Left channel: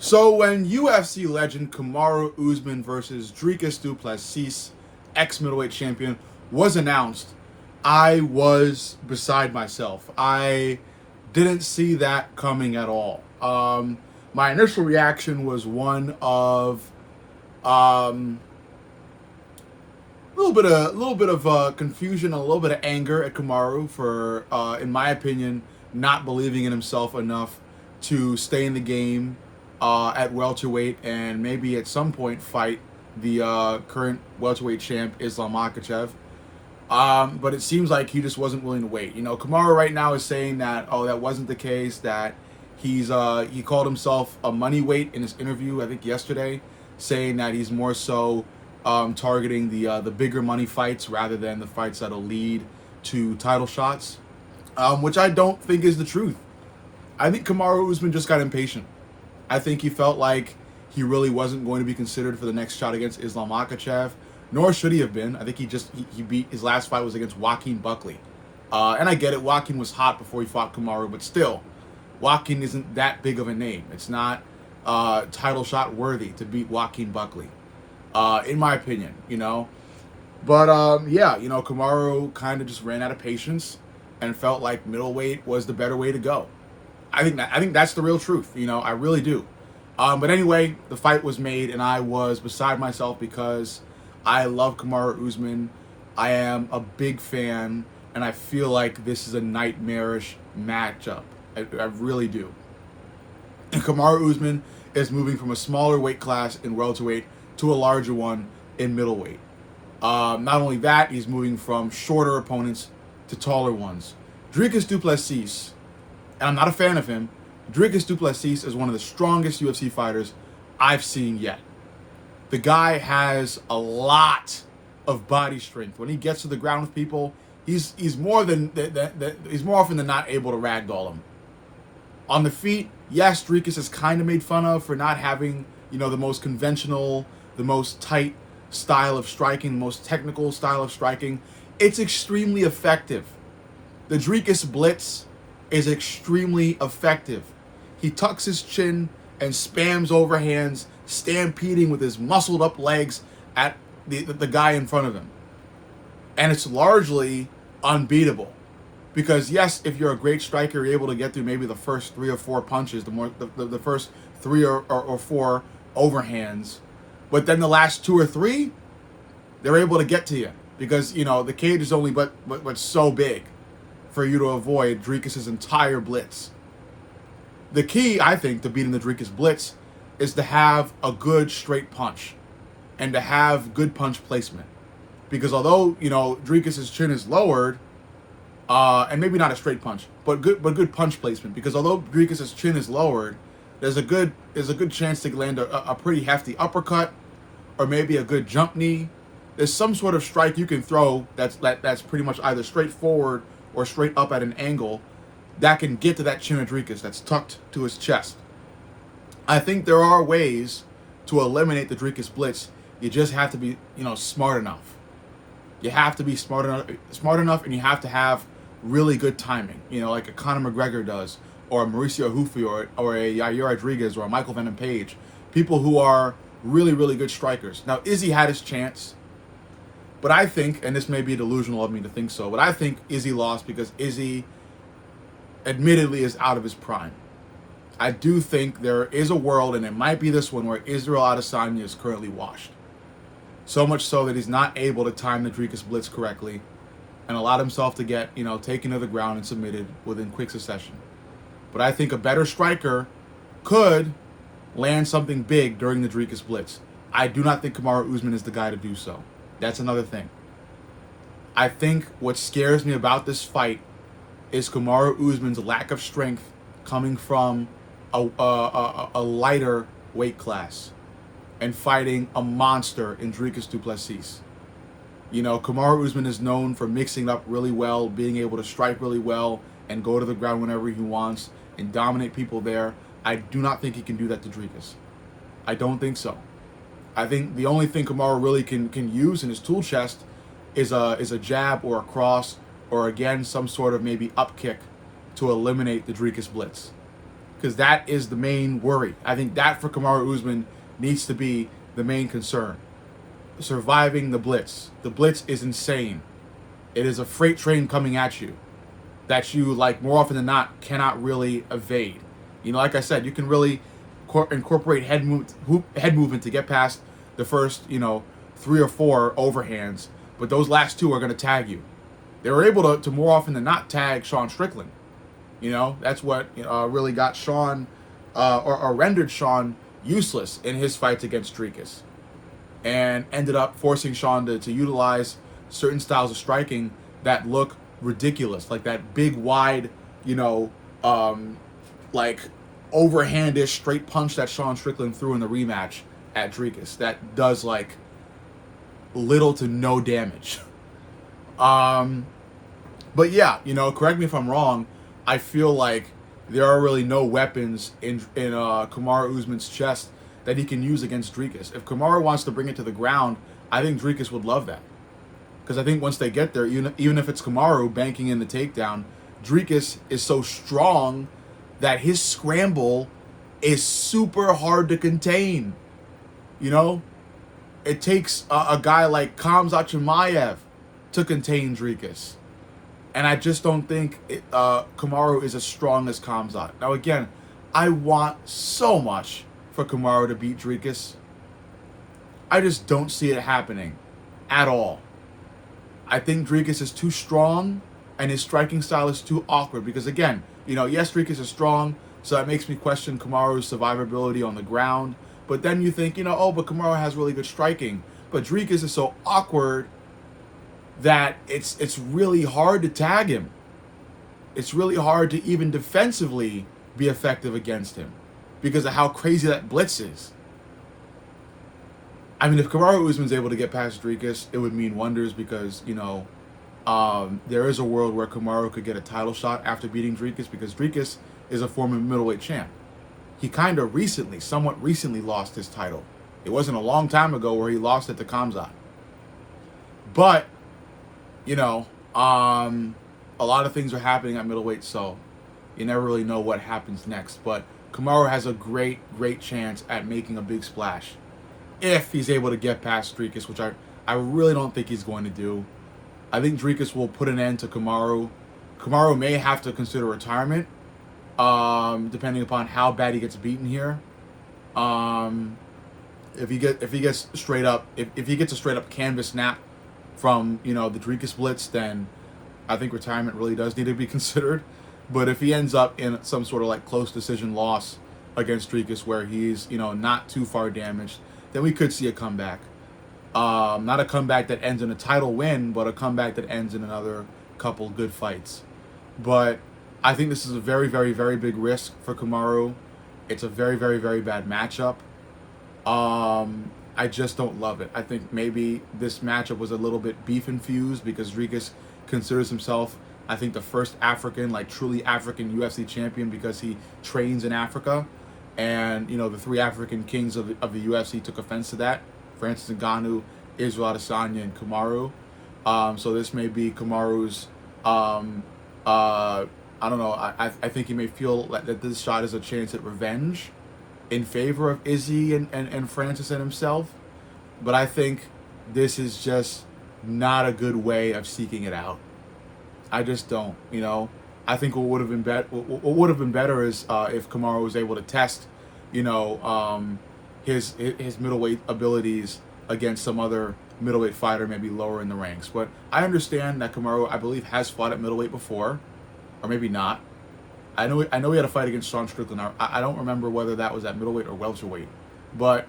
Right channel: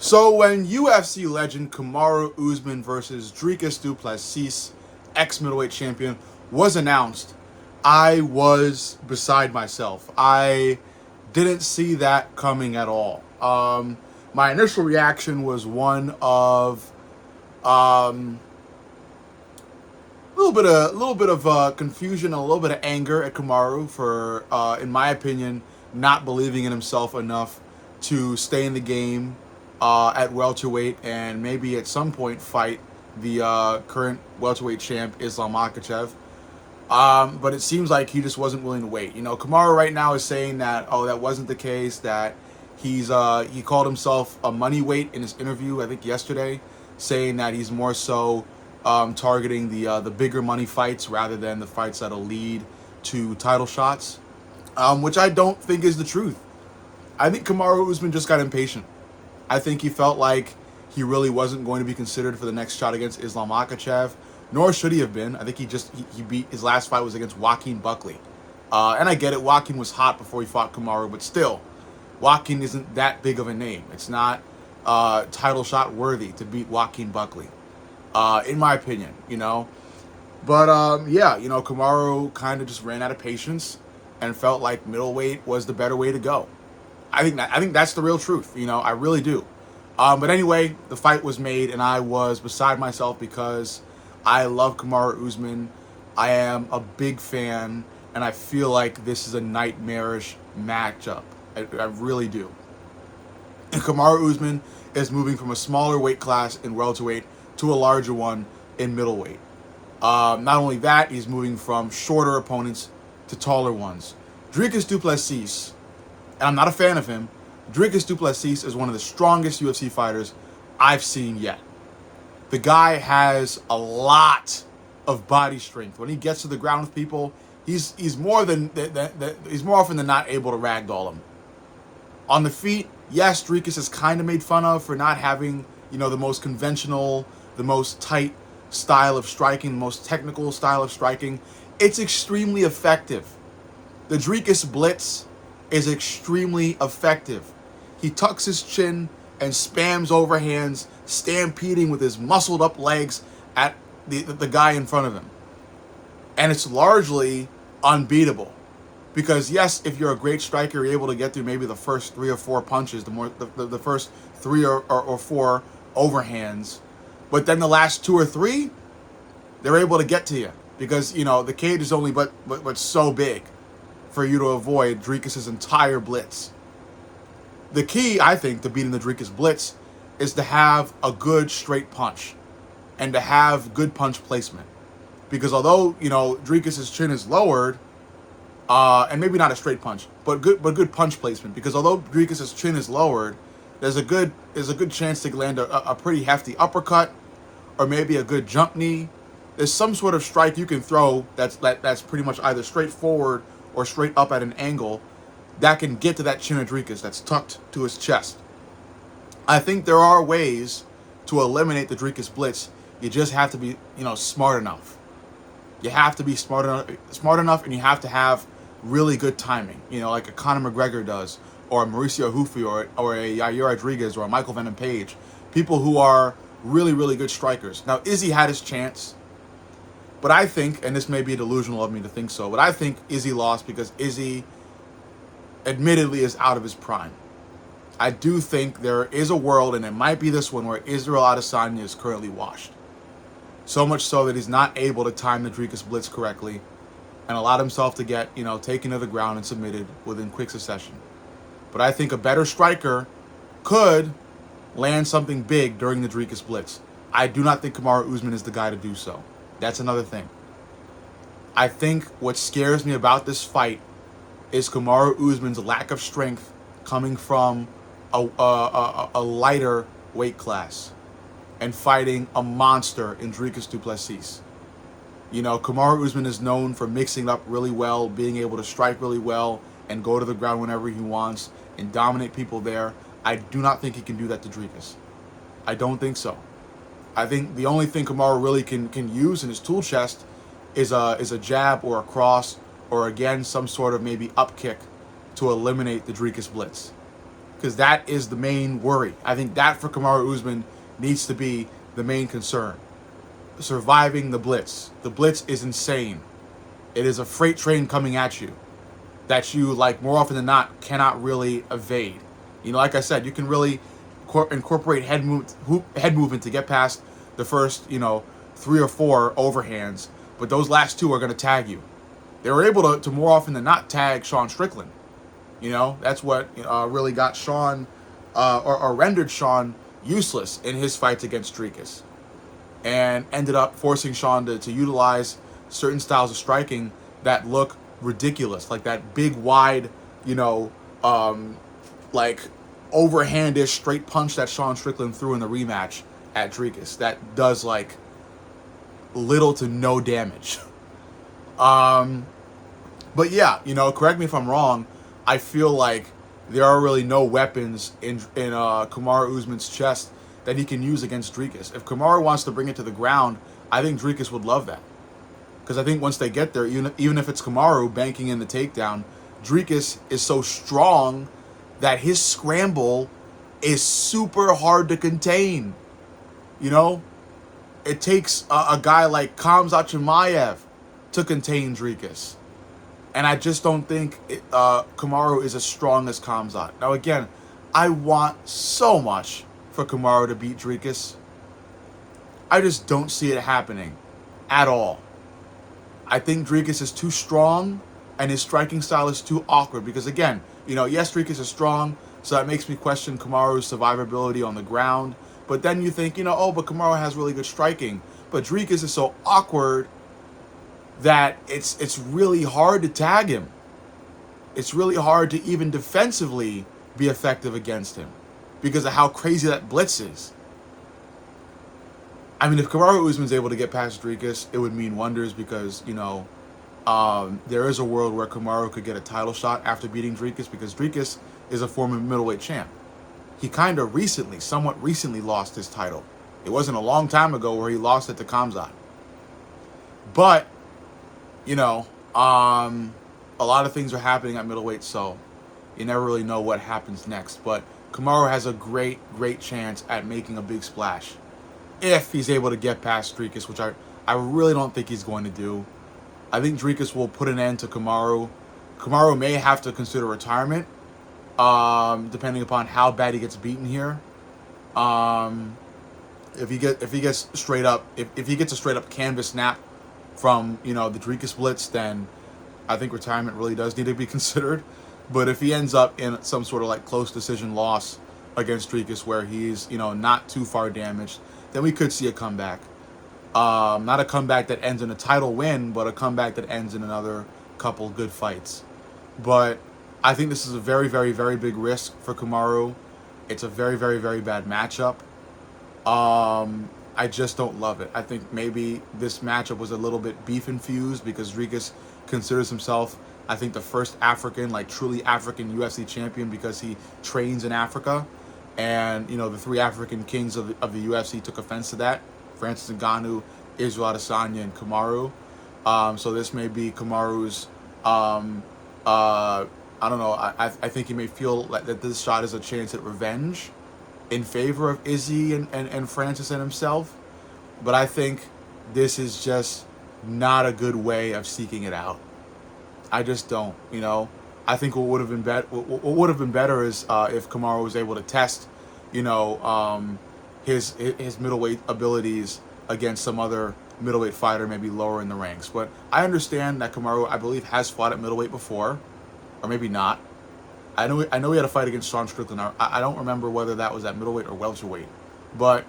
So when UFC legend Kamaru Usman versus Dricus du Plessis, ex-middleweight champion, was announced, I was beside myself. I didn't see that coming at all. My initial reaction was one of um, a little bit of confusion, a little bit of anger at Kamaru for, in my opinion, not believing in himself enough to stay in the game at welterweight and maybe at some point fight the current welterweight champ Islam Makhachev. But it seems like he just wasn't willing to wait. Kamaru right now is saying that that wasn't the case. That he called himself a money weight in his interview, I think yesterday, saying that he's more so targeting the bigger money fights rather than the fights that'll lead to title shots, which I don't think is the truth. I think Kamaru Usman just got impatient. I think he felt like he really wasn't going to be considered for the next shot against Islam Makhachev, nor should he have been. I think he beat his last fight was against Joaquin Buckley, and I get it. Joaquin was hot before he fought Kamaru, but still, Joaquin isn't that big of a name. It's not title shot worthy to beat Joaquin Buckley, in my opinion. But yeah, Kamaru kind of just ran out of patience and felt like middleweight was the better way to go. I think that's the real truth. I really do. But anyway, the fight was made, and I was beside myself because I love Kamaru Usman. I am a big fan, and I feel like this is a nightmarish matchup. I really do. And Kamaru Usman is moving from a smaller weight class in welterweight to a larger one in middleweight. Not only that, he's moving from shorter opponents to taller ones. Dricus du Plessis, and I'm not a fan of him, Dricus du Plessis is one of the strongest UFC fighters I've seen yet. The guy has a lot of body strength. When he gets to the ground with people, he's more often than not able to ragdoll him. On the feet, yes, Dricus is kind of made fun of for not having, the most conventional, the most tight style of striking, the most technical style of striking. It's extremely effective. The Dricus Blitz is extremely effective. He tucks his chin and spams overhands, stampeding with his muscled up legs at the guy in front of him. And it's largely unbeatable. Because yes, if you're a great striker, you're able to get through maybe the first 3 or 4 punches, the first 3 or 4 overhands. But then the last 2 or 3, they're able to get to you. Because, the cage is only but so big for you to avoid Dricus' entire blitz. The key, I think, to beating the Dricus Blitz is to have a good straight punch and to have good punch placement. Because although, Dricus' chin is lowered, and maybe not a straight punch, but good punch placement. Because although Dricus' chin is lowered, there's a good chance to land a pretty hefty uppercut or maybe a good jump knee. There's some sort of strike you can throw that's pretty much either straight forward or straight up at an angle that can get to that chin of Dricus that's tucked to his chest. I think there are ways to eliminate the Dricus Blitz. You just have to be, smart enough. You have to be smart enough, and you have to have really good timing. Like a Conor McGregor does, or a Mauricio Hufi, or a Yair Rodriguez, or a Michael Venom Page. People who are really, really good strikers. Now, Izzy had his chance, but I think, and this may be delusional of me to think so, but I think Izzy lost because Izzy admittedly is out of his prime. I do think there is a world, and it might be this one, where Israel Adesanya is currently washed. So much so that he's not able to time the Dricus Blitz correctly and allowed himself to get, taken to the ground and submitted within quick succession. But I think a better striker could land something big during the Dricus Blitz. I do not think Kamaru Usman is the guy to do so. That's another thing. I think what scares me about this fight is Kamaru Usman's lack of strength coming from a lighter weight class and fighting a monster in Dricus du Plessis. Kamaru Usman is known for mixing up really well, being able to strike really well, and go to the ground whenever he wants and dominate people there. I do not think he can do that to Dricus. I don't think so. I think the only thing Kamaru really can use in his tool chest is a jab or a cross or, again, some sort of maybe up kick to eliminate the Dricus Blitz. because that is the main worry. I think that for Kamaru Usman needs to be the main concern. Surviving the blitz. The blitz is insane. It is a freight train coming at you that you, like, more often than not, cannot really evade. You know, like I said, you can really incorporate head movement to get past the first, 3 or 4 overhands, but those last 2 are going to tag you. They were able to more often than not tag Sean Strickland. That's what really got Sean, or rendered Sean useless in his fights against Dricus, and ended up forcing Sean to utilize certain styles of striking that look ridiculous, like that big, wide, like overhandish straight punch that Sean Strickland threw in the rematch at Dricus that does like little to no damage. But yeah, correct me if I'm wrong. I feel like there are really no weapons in Kamaru Usman's chest that he can use against Dricus. If Kamaru wants to bring it to the ground, I think Dricus would love that. Because I think once they get there, even if it's Kamaru banking in the takedown, Dricus is so strong that his scramble is super hard to contain. It takes a guy like Khamzat Chimaev to contain Dricus. And I just don't think Kamaru is as strong as Khamzat. Now, again, I want so much for Kamaru to beat Dricus. I just don't see it happening at all. I think Dricus is too strong, and his striking style is too awkward. Because, again, yes, Dricus is strong, so that makes me question Kamaru's survivability on the ground. But then you think, but Kamaru has really good striking. But Dricus is so awkward that it's really hard to tag him. It's really hard to even defensively be effective against him because of how crazy that blitz is. I mean, if Kamaru Usman's able to get past Dricus, it would mean wonders because, there is a world where Kamaru could get a title shot after beating Dricus because Dricus is a former middleweight champ. He kind of somewhat recently lost his title. It wasn't a long time ago where he lost it to Khamzat. But, a lot of things are happening at middleweight, so you never really know what happens next. But Kamaru has a great, great chance at making a big splash if he's able to get past Dricus, which I really don't think he's going to do. I think Dricus will put an end to Kamaru. Kamaru may have to consider retirement, depending upon how bad he gets beaten here. If he gets straight up, if he gets a straight up canvas snap from the Dricus blitz, then I think retirement really does need to be considered. But if he ends up in some sort of like close decision loss against Dricus where he's not too far damaged, then we could see a comeback. Not a comeback that ends in a title win, but a comeback that ends in another couple good fights. But I think this is a very, very, very big risk for Kamaru. It's a very, very, very bad matchup. I just don't love it. I think maybe this matchup was a little bit beef infused because Dricus considers himself, I think, the first African, like truly African UFC champion because he trains in Africa. And, the 3 African kings of the UFC took offense to that. Francis Ngannou, Israel Adesanya, and Kamaru. So this may be Kamaru's, I don't know, I think he may feel that this shot is a chance at revenge in favor of Izzy and Francis and himself. But I think this is just not a good way of seeking it out. I just don't, I think what would have been better is if Kamaru was able to test, his middleweight abilities against some other middleweight fighter, maybe lower in the ranks. But I understand that Kamaru, I believe, has fought at middleweight before, or maybe not. I know he had a fight against Sean Strickland. I don't remember whether that was at middleweight or welterweight. But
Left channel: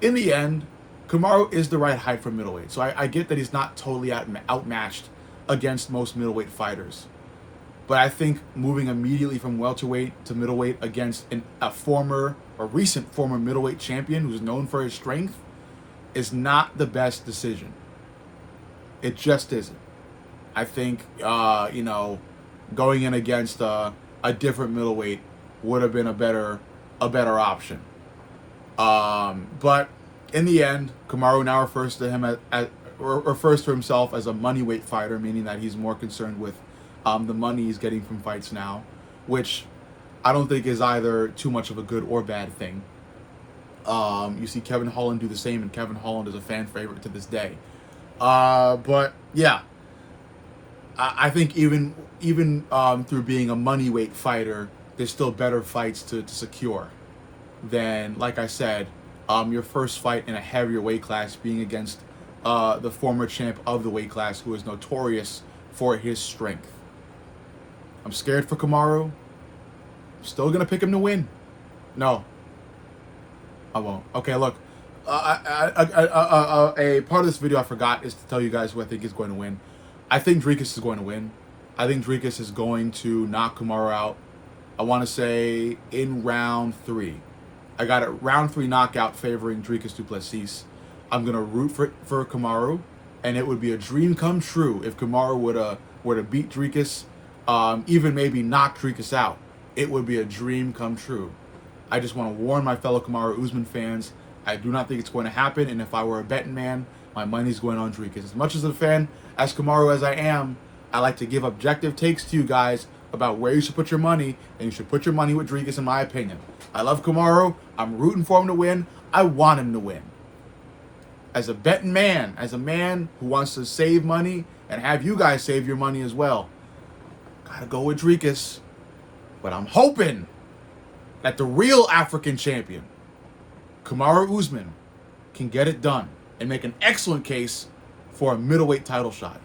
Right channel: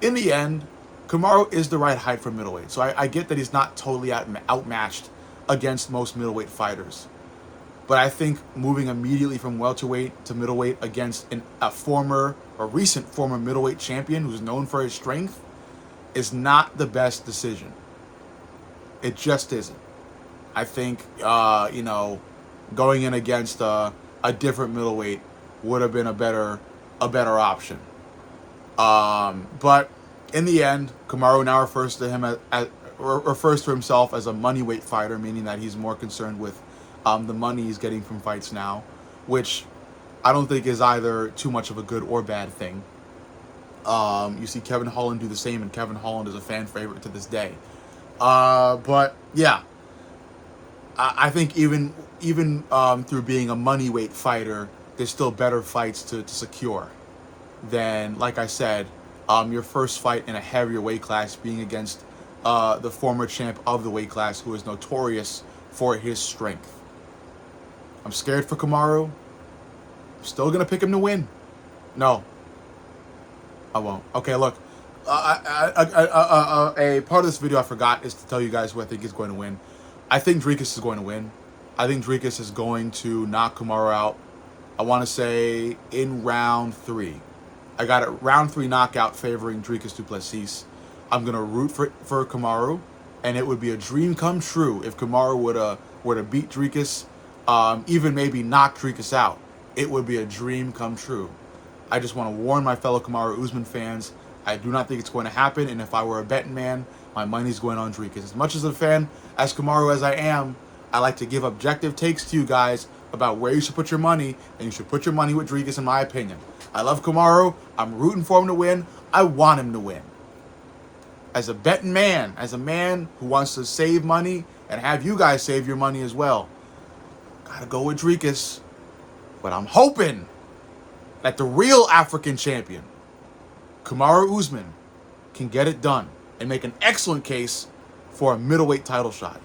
in the end, Kamaru is the right height for middleweight. So I get that he's not totally outmatched against most middleweight fighters. But I think moving immediately from welterweight to middleweight against a recent former middleweight champion who's known for his strength is not the best decision. It just isn't. I think, going in against a different middleweight would have been a better option. But in the end, Kamaru now refers to himself as a moneyweight fighter, meaning that he's more concerned with the money he's getting from fights now, which I don't think is either too much of a good or bad thing. You see Kevin Holland do the same, and Kevin Holland is a fan favorite to this day. But yeah, I think even through being a money weight fighter, there's still better fights to secure than, like I said, your first fight in a heavier weight class being against the former champ of the weight class, who is notorious for his strength. I'm scared for Kamaru. Still gonna pick him to win. No, I won't. Okay, look. A part of this video I forgot is to tell you guys who I think is going to win. I think Dricus is going to win. I think Dricus is going to knock Kamaru out. I want to say in round 3. I got a round 3 knockout favoring Dricus du Plessis. I'm gonna root for Kamaru, and it would be a dream come true if Kamaru were to beat Dricus, even maybe knock Dricus out. It would be a dream come true. I just want to warn my fellow Kamaru Usman fans, I do not think it's going to happen, and if I were a betting man, my money's going on Dricus. As much as a fan as Kamaru as I am, I like to give objective takes to you guys about where you should put your money, and you should put your money with Dricus, in my opinion. I love Kamaru. I'm rooting for him to win. I want him to win. As a betting man, as a man who wants to save money and have you guys save your money as well, gotta go with Dricus. But I'm hoping that the real African champion, Kamaru Usman, can get it done and make an excellent case for a middleweight title shot.